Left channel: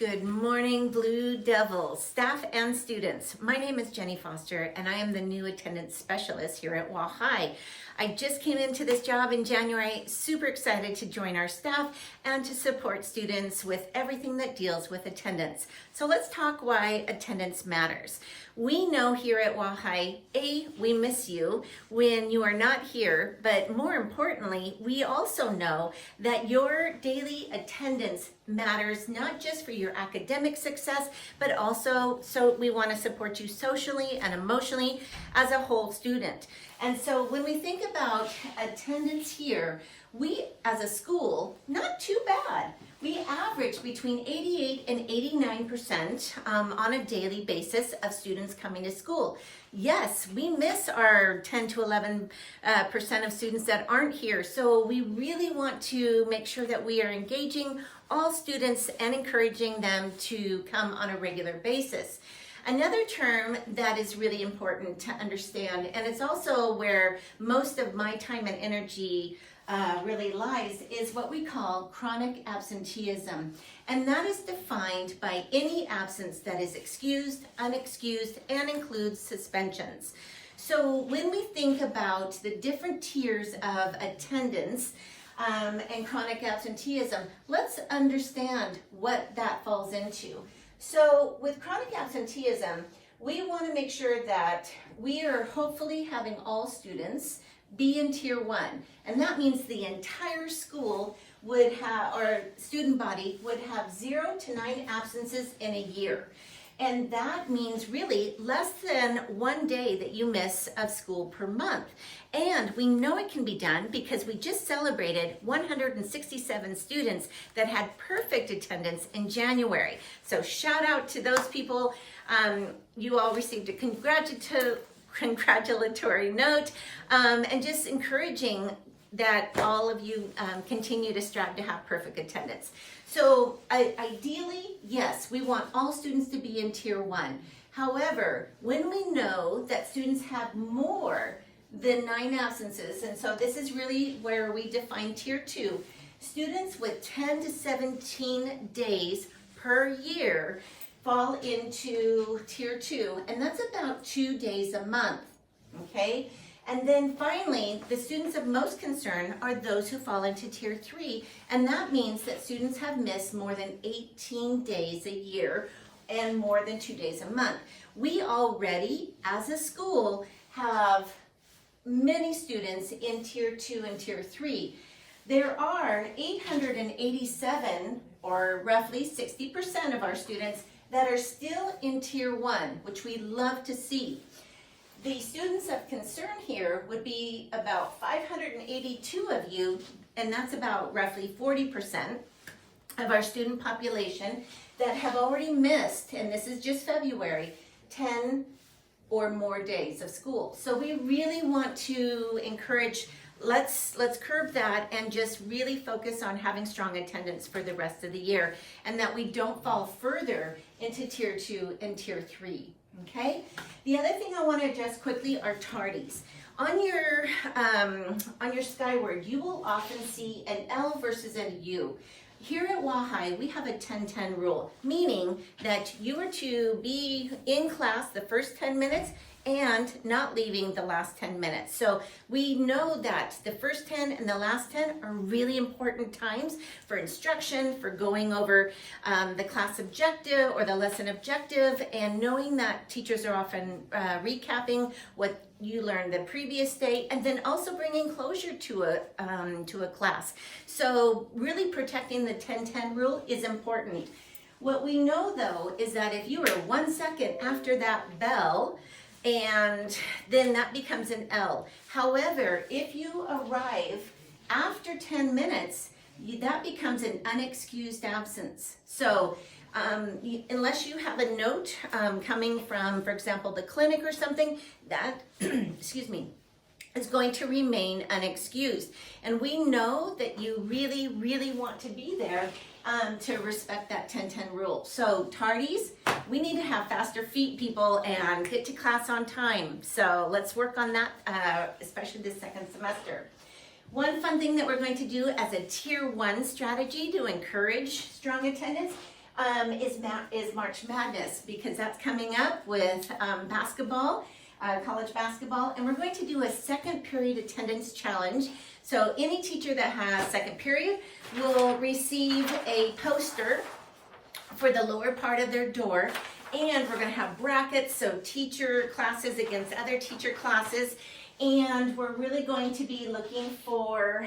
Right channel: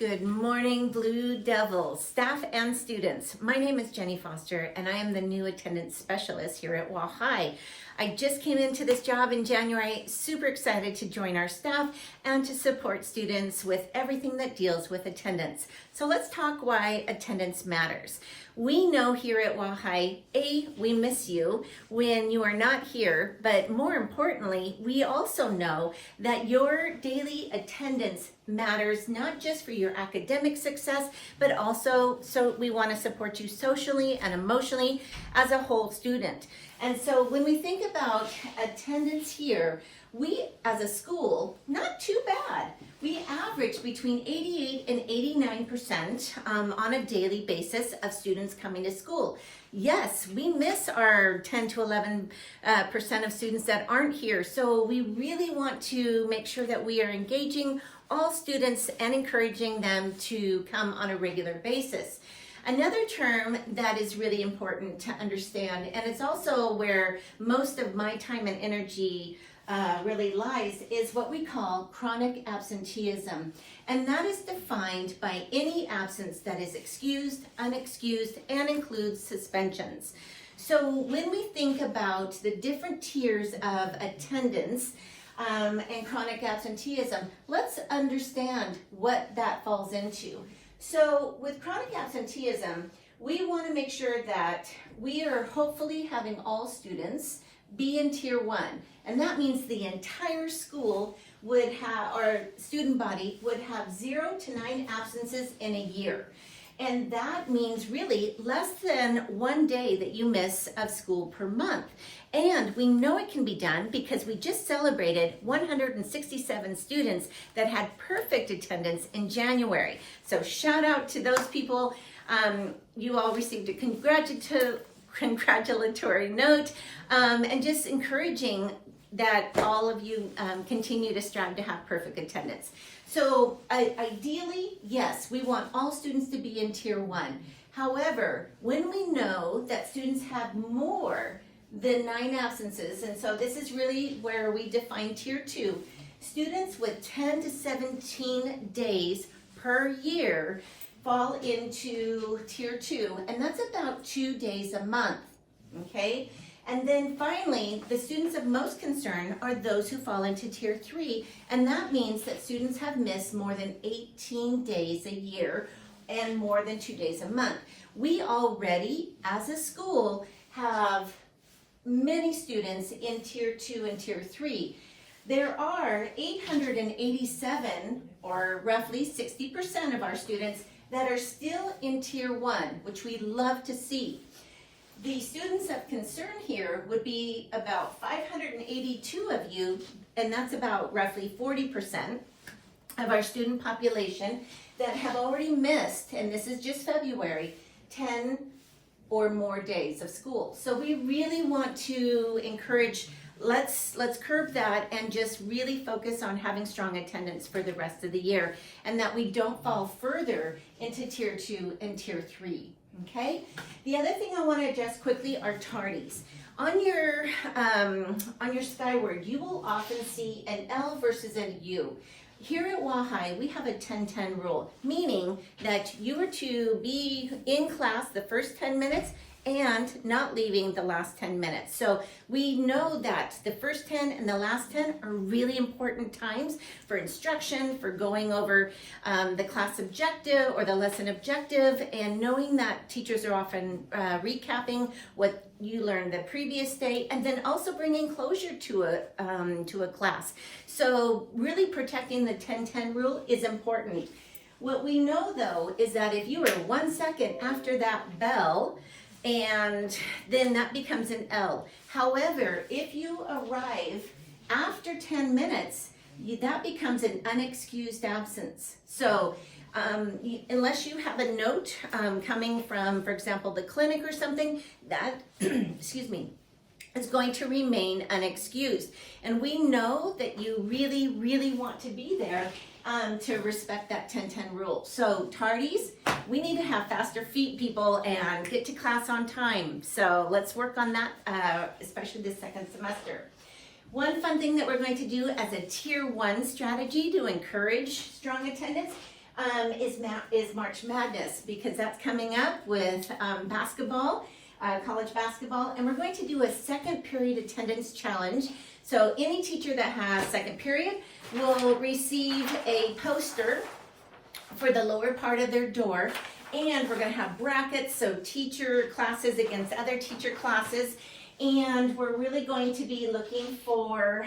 Good morning, Blue Devils, staff and students. My name is Jenny Foster, and I am the new attendance specialist here at Wall High. I just came into this job in January, super excited to join our staff and to support students with everything that deals with attendance. So let's talk why attendance matters. We know here at Wall High, we miss you when you are not here, but more importantly, we also know that your daily attendance matters not just for your academic success, but also so we want to support you socially and emotionally as a whole student. And so when we think about attendance here, we as a school, not too bad. We average between 88 and 89% on a daily basis of students coming to school. Yes, we miss our 10 to 11% of students that aren't here. So we really want to make sure that we are engaging all students and encouraging them to come on a regular basis. Another term that is really important to understand, and it's also where most of my time and energy really lies, is what we call chronic absenteeism. And that is defined by any absence that is excused, unexcused, and includes suspensions. So when we think about the different tiers of attendance, and chronic absenteeism, let's understand what that falls into. So with chronic absenteeism, we want to make sure that we are hopefully having all students be in tier 1. And that means the entire school would have, or student body would have 0 to 9 absences in a year. And that means really less than 1 day that you miss of school per month. And we know it can be done because we just celebrated 167 students that had perfect attendance in January. So shout out to those people. You all received a congratulatory note, and just encouraging that all of you continue to strive to have perfect attendance. So ideally, yes, we want all students to be in tier 1. However, when we know that students have more than 9 absences, and so this is really where we define tier 2, students with 10 to 17 days per year fall into tier 2, and that's about 2 days a month, okay? And then finally, the students of most concern are those who fall into tier 3, and that means that students have missed more than 18 days a year and more than 2 days a month. We already, as a school, have many students in tier 2 and tier 3. There are 887, or roughly 60% of our students, that are still in tier 1, which we love to see. The students of concern here would be about 582 of you, and that's about roughly 40% of our student population that have already missed, and this is just February, 10 or more days of school. So we really want to encourage, let's curb that and just really focus on having strong attendance for the rest of the year, and that we don't fall further into tier 2 and tier 3. Okay. The other thing I want to address quickly are tardies. On your Skyward, you will often see an L versus a U. Here at Wall High, we have a 10-10 rule, meaning that you are to be in class the first 10 minutes and not leaving the last 10 minutes. So we know that the first 10 and the last 10 are really important times for instruction, for going over the class objective or the lesson objective, and knowing that teachers are often recapping what you learned the previous day, and then also bringing closure to a class. So really protecting the 10-10 rule is important. What we know though is that if you are 1 second after that bell, and then that becomes an L. However, if you arrive after 10 minutes, that becomes an unexcused absence. So unless you have a note coming from, for example, the clinic or something, that, excuse me, is going to remain unexcused. And we know that you really, really want to be there to respect that 10-10 rule. So tardies, we need to have faster feet, people, and get to class on time. So let's work on that, especially this second semester. One fun thing that we're going to do as a tier 1 strategy to encourage strong attendance is March Madness, because that's coming up with basketball, college basketball, and we're going to do a second period attendance challenge. So any teacher that has second period will receive a poster for the lower part of their door, and we're going to have brackets, so teacher classes against other teacher classes, and we're really going to be looking for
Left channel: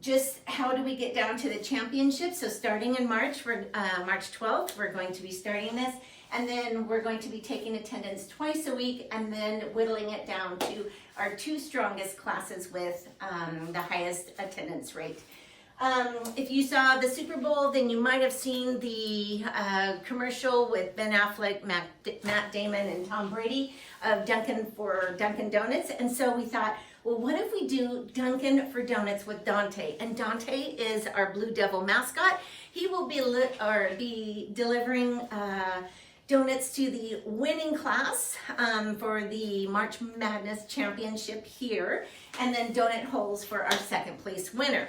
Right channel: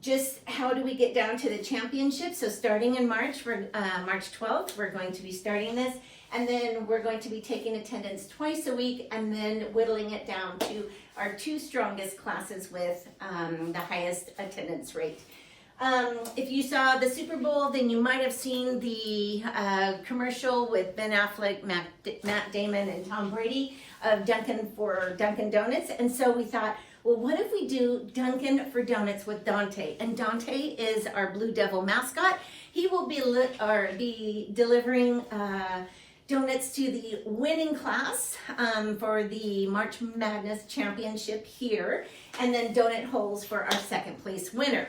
just how do we get down to the championship. So starting in March, March 12th, we're going to be starting this, and then we're going to be taking attendance twice a week and then whittling it down to our 2 strongest classes with the highest attendance rate. If you saw the Super Bowl, then you might have seen the commercial with Ben Affleck, Matt Damon, and Tom Brady of Dunkin' for Dunkin' Donuts. And so we thought, well, what if we do Dunkin' for Donuts with Dante? And Dante is our Blue Devil mascot. He will be delivering donuts to the winning class for the March Madness Championship here, and then donut holes for our second place winner.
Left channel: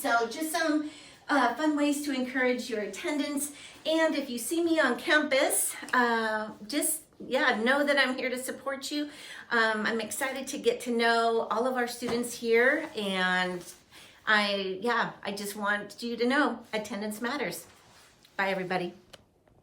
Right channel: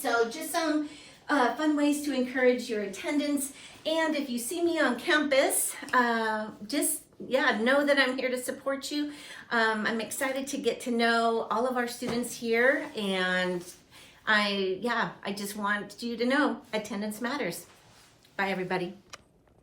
So just some fun ways to encourage your attendance. And if you see me on campus, know that I'm here to support you. I'm excited to get to know all of our students here, and I just want you to know attendance matters. Bye, everybody.